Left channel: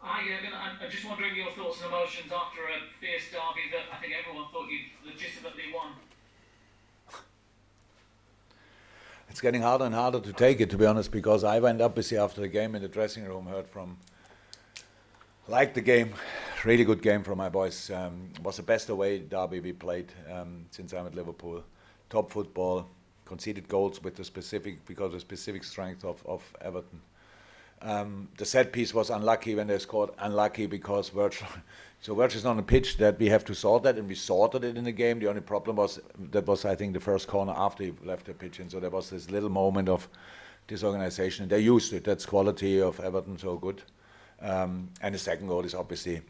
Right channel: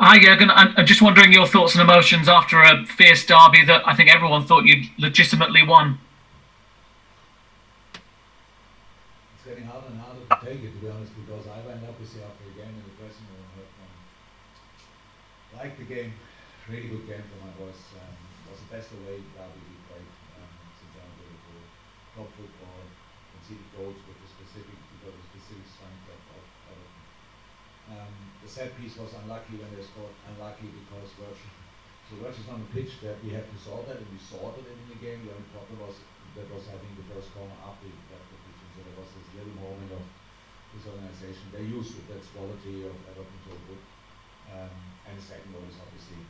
Hi, Jurgen. I'm just wondering your thoughts and emotions after a fierce derby that I think everyone thought you'd legitimately won. It's getting harder and harder to take it, to be honest, because I went up busy after the game in the dressing room, heard from, liked the game, really good game from my boys. Was the best away derby we played since I'm at Liverpool. Top football, conceded goals with the specific, because of the specific strength of Everton. The set piece was unlucky when they scored, unlucky because Virgil. So Virgil's on the pitch that we have to sort that, and we sorted it in the game. The only problem was that was, I think, the first corner after he left the pitch, and so there was this little moment of disorganization. And they used it. That's quality of Everton, so good. And the second goal is obviously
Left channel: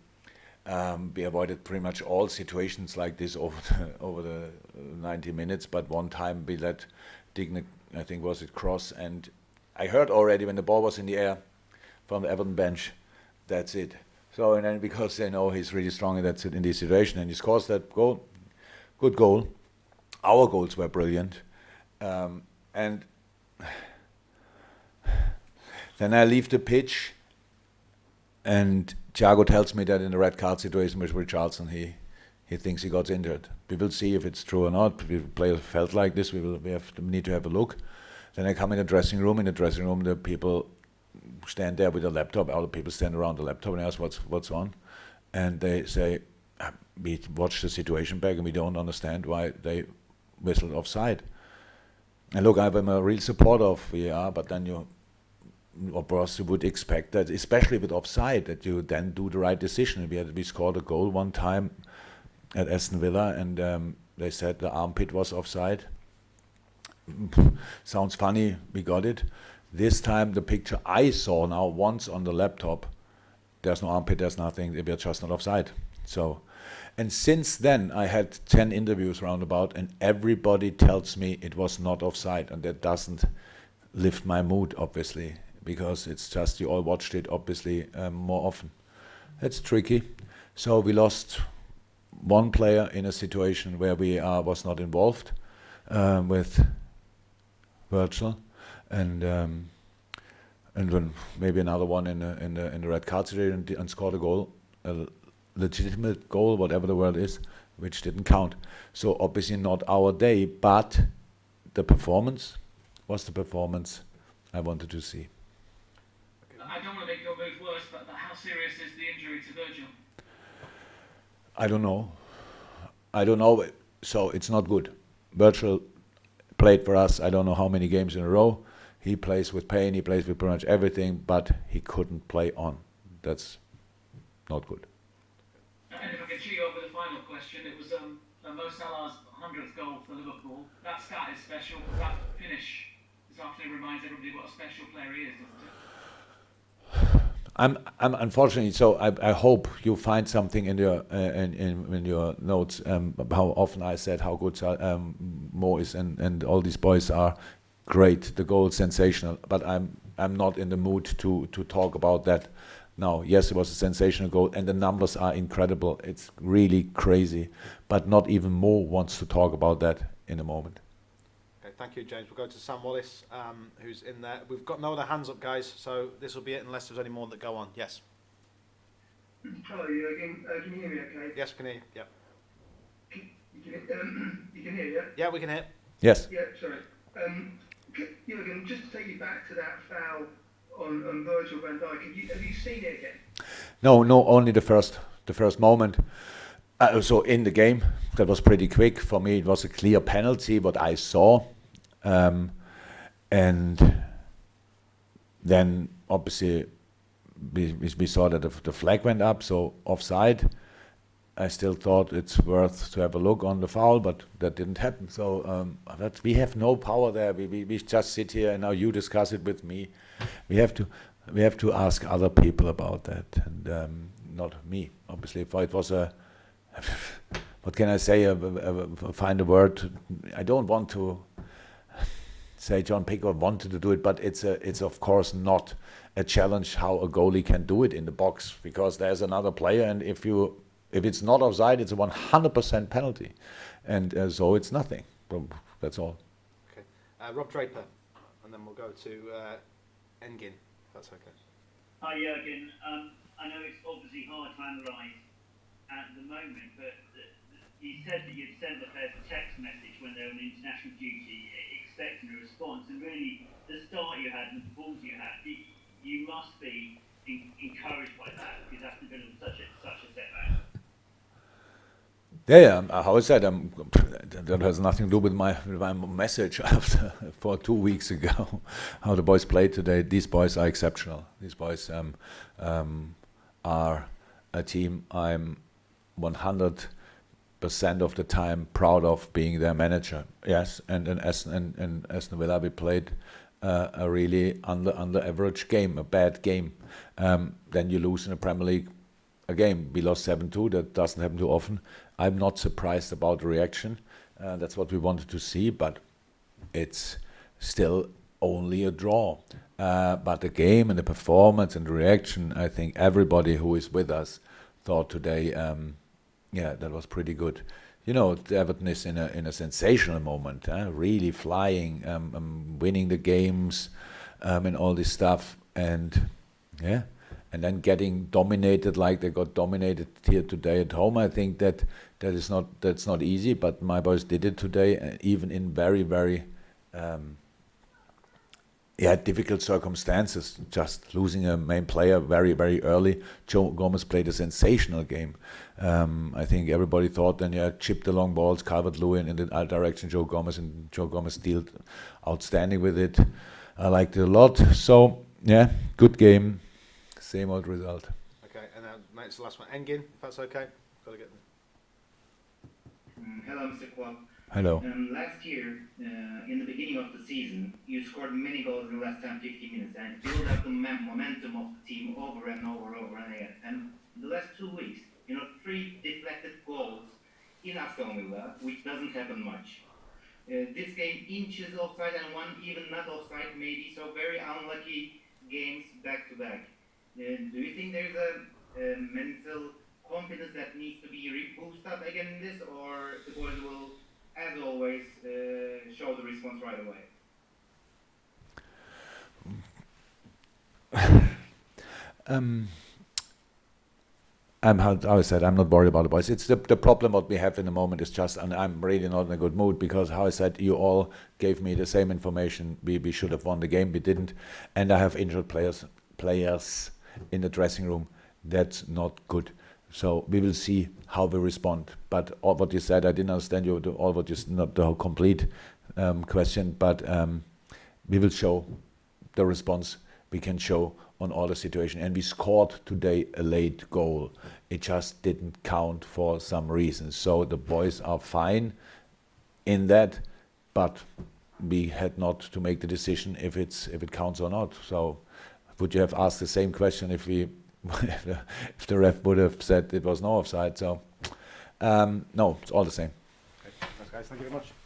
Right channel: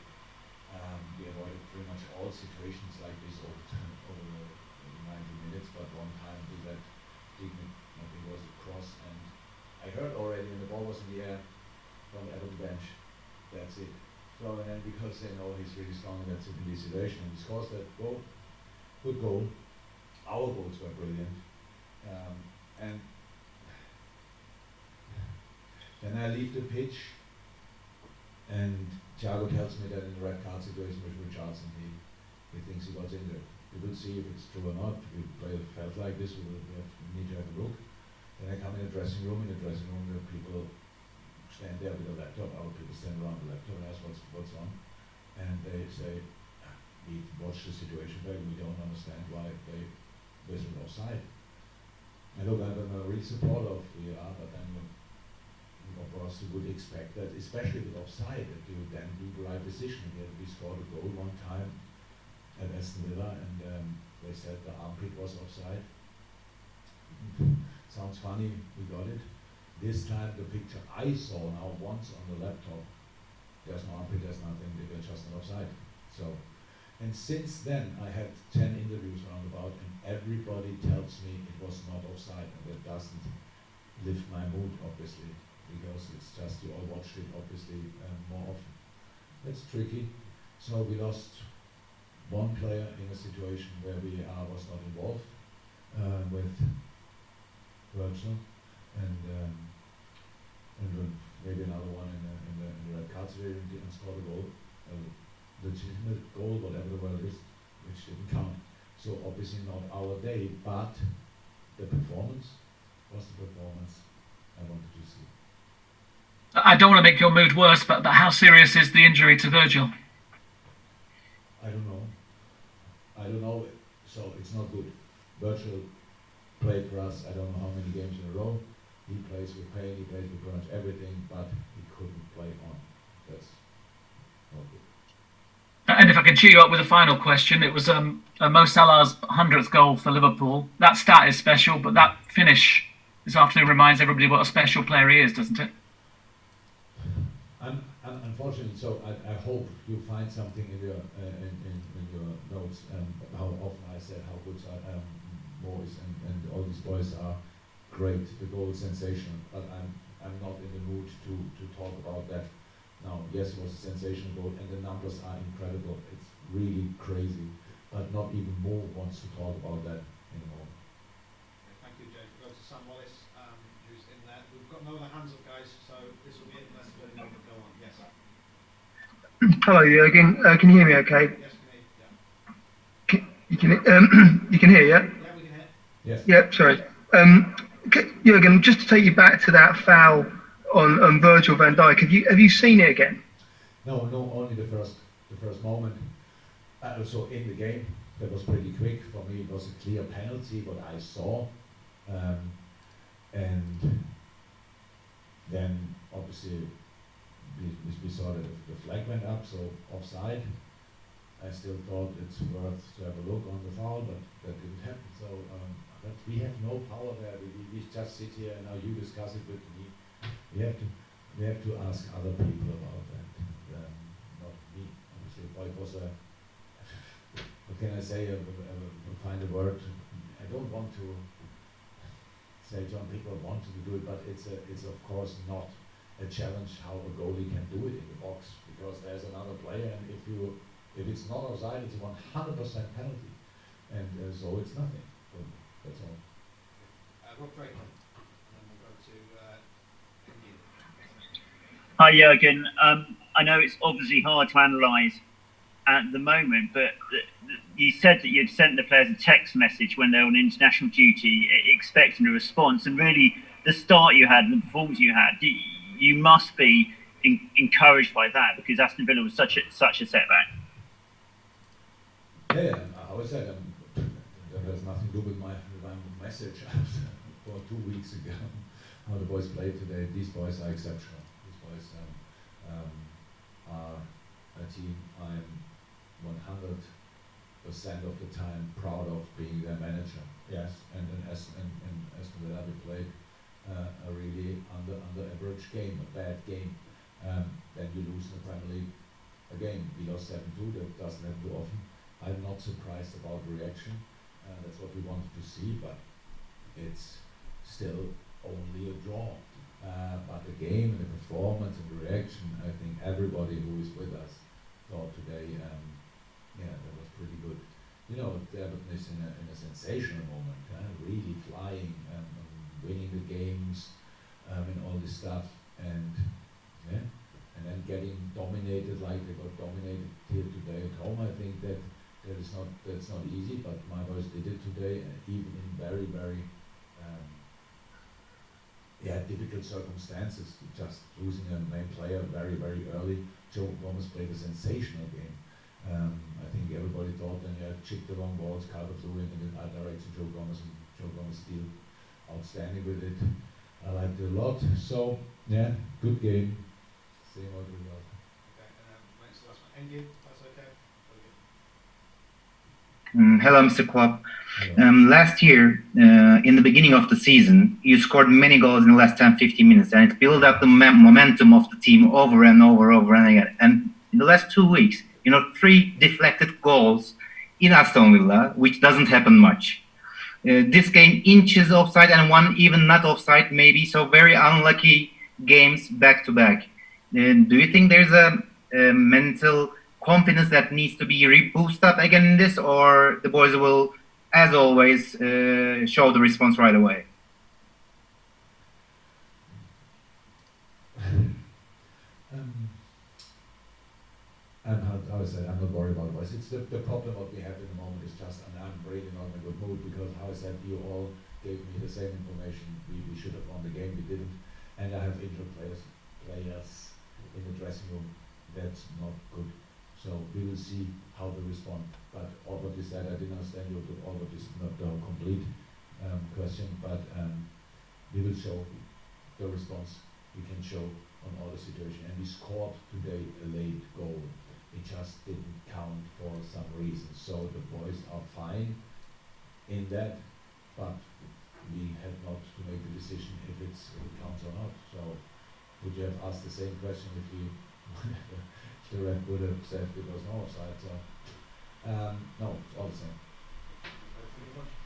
we avoided pretty much all situations like this over the 90 minutes. But one time we let Digna, I think was it cross, and I heard already when the ball was in the air from the Everton bench, that's it. So, and then because they know he's really strong in that in this situation, and he scores that goal, good goal. Our goals were brilliant, and then I leave the pitch, and Thiago tells me that in the red card situation with Richarlison, he thinks he got injured. We will see if it's true or not. If the player felt like this, we need to have a look. Then I come in the dressing room. In the dressing room, the people stand there with a laptop. Other people stand around the laptop and ask what's on, and they say we watch the situation back and we don't understand why they whistled offside. And look, I'm a real supporter of VAR, but then you, of course, you would expect that, especially with offside, that you then do the right decision. We scored a goal one time at Aston Villa, and they said the armpit was offside. Sounds funny, we got it. This time the picture I saw now once on the laptop, there's no armpit, there's nothing, we're just not offside. So, and since then I had 10 interviews roundabout, and everybody tells me it was not offside, and that doesn't lift my mood, obviously, because it's just you all watched it obviously more often. That's tricky. So we lost one player in a situation where we was not involved with Virgil, and then maybe another one in the red card situation, and scored a goal, a legitimate goal, whatever the word is, which didn't count. So obviously not our day, but the performance was the performance I wanted to see. I don't want to make your mood worse, but how serious is the injury to Virgil? I don't know. I don't know. So it's not good. Virgil played for us, I don't know how many games in a row. He plays with pain, he plays with pretty much everything, but he couldn't play on. That's not good. And if I can cheer you up with a final question, it was Mo Salah's 100th goal for Liverpool. That stat is special, but that finish this afternoon reminds everybody what a special player he is, doesn't it? I'm unfortunately, so I hope you find something in your notes how often I said how good Mo is, and all these boys are great. The goal is sensational, but I'm not in the mood to talk about that now. Yes, it was a sensational goal, and the numbers are incredible. It's really crazy, but not even Mo wants to talk about that in a moment. Okay, thank you, James. We'll go to Sam Wallace, who's in there. We've got no other hands up, guys, so this will be it unless there's any more that go on. Yes. Hello, Jurgen. Can you hear me okay? Yes, we can hear you. You you can hear, yeah? Yeah, we can hear. Yes. Yeah, sorry. Jurgen, just to take you back to that foul on Virgil van Dijk, have you seen it again? No, only the first moment. So in the game, that was pretty quick for me. It was a clear penalty, what I saw, and then obviously we saw that the flag went up, so offside. I still thought it's worth to have a look on the foul, but that didn't happen. So that we have no power there. We just sit here and now you discuss it with me. We have to ask other people about that, and not me. Obviously, if it was a what can I say? Find a word. I don't want to say John Pickford wanted to do it, but it's of course not a challenge how a goalie can do it in the box, because there's another player, and if it's not offside, it's a 100% penalty, and so it's nothing. That's all. Okay. Rob Draper, and then we'll go to Engin. That's okay. Hi, Jurgen. I know it's obviously hard to analyse at the moment, but you said that you'd sent the players a text message when they were on international duty, expecting a response, and really the start you had and the performance you had, you must be encouraged by that, because Aston Villa was such a setback. Yeah, how I said, that has nothing to do with my message after for 2 weeks ago. How the boys played today. These boys are exceptional. These boys are a team I'm 100% of the time proud of being their manager. Yes, and Aston Villa, we played a really under average game, a bad game. Then you lose in the Premier League a game. We lost 7-2. That doesn't happen too often. I'm not surprised about the reaction. That's what we wanted to see, but it's still only a draw. But the game and the performance and the reaction, I think everybody who is with us thought today, that was pretty good. You know, Everton is in a sensational moment, really flying, winning the games, and all this stuff, and then getting dominated like they got dominated here today at home. I think that's not easy, but my boys did it today, even in very, very difficult circumstances. Just losing a main player very, very early. Joe Gomez played a sensational game. I think everybody thought then, chip the long balls, Calvert-Lewin in the other direction, Joe Gomez dealt outstanding with it. I liked it a lot. So, good game, same old result. Okay, and now, mate, it's the last one. Engin, if that's okay. Got to get Hello, Mr. Klopp. Hello. Last year, in the beginning of the season, you scored many goals in the last 10-15 minutes, and it built up the momentum of the team over and over and again. And in the last 2 weeks, 3 deflected goals in Aston Villa, which doesn't happen much. This game, inches offside and one even not offside, maybe. So very unlucky games back to back. Do you think there's a mental confidence that needs to be boosted up again in this, or the boys will, as always, show the response right away? How I said, I'm not worried about the boys. It's the problem what we have in the moment is just, and I'm really not in a good mood, because how I said, you all gave me the same information. We should have won the game, we didn't, and I have injured players in the dressing room. That's not good. So we will see how we respond. But all what you said, I didn't understand all what you not the whole complete question. But we will show the response we can show on all the situation. And we scored today a late goal. It just didn't count for some reason. So the boys are fine in that, but we had not to make the decision if it counts or not. So would you have asked the same question if we? If the ref would have said it was no offside, so no, it's all the same. Okay, guys, thank you very much.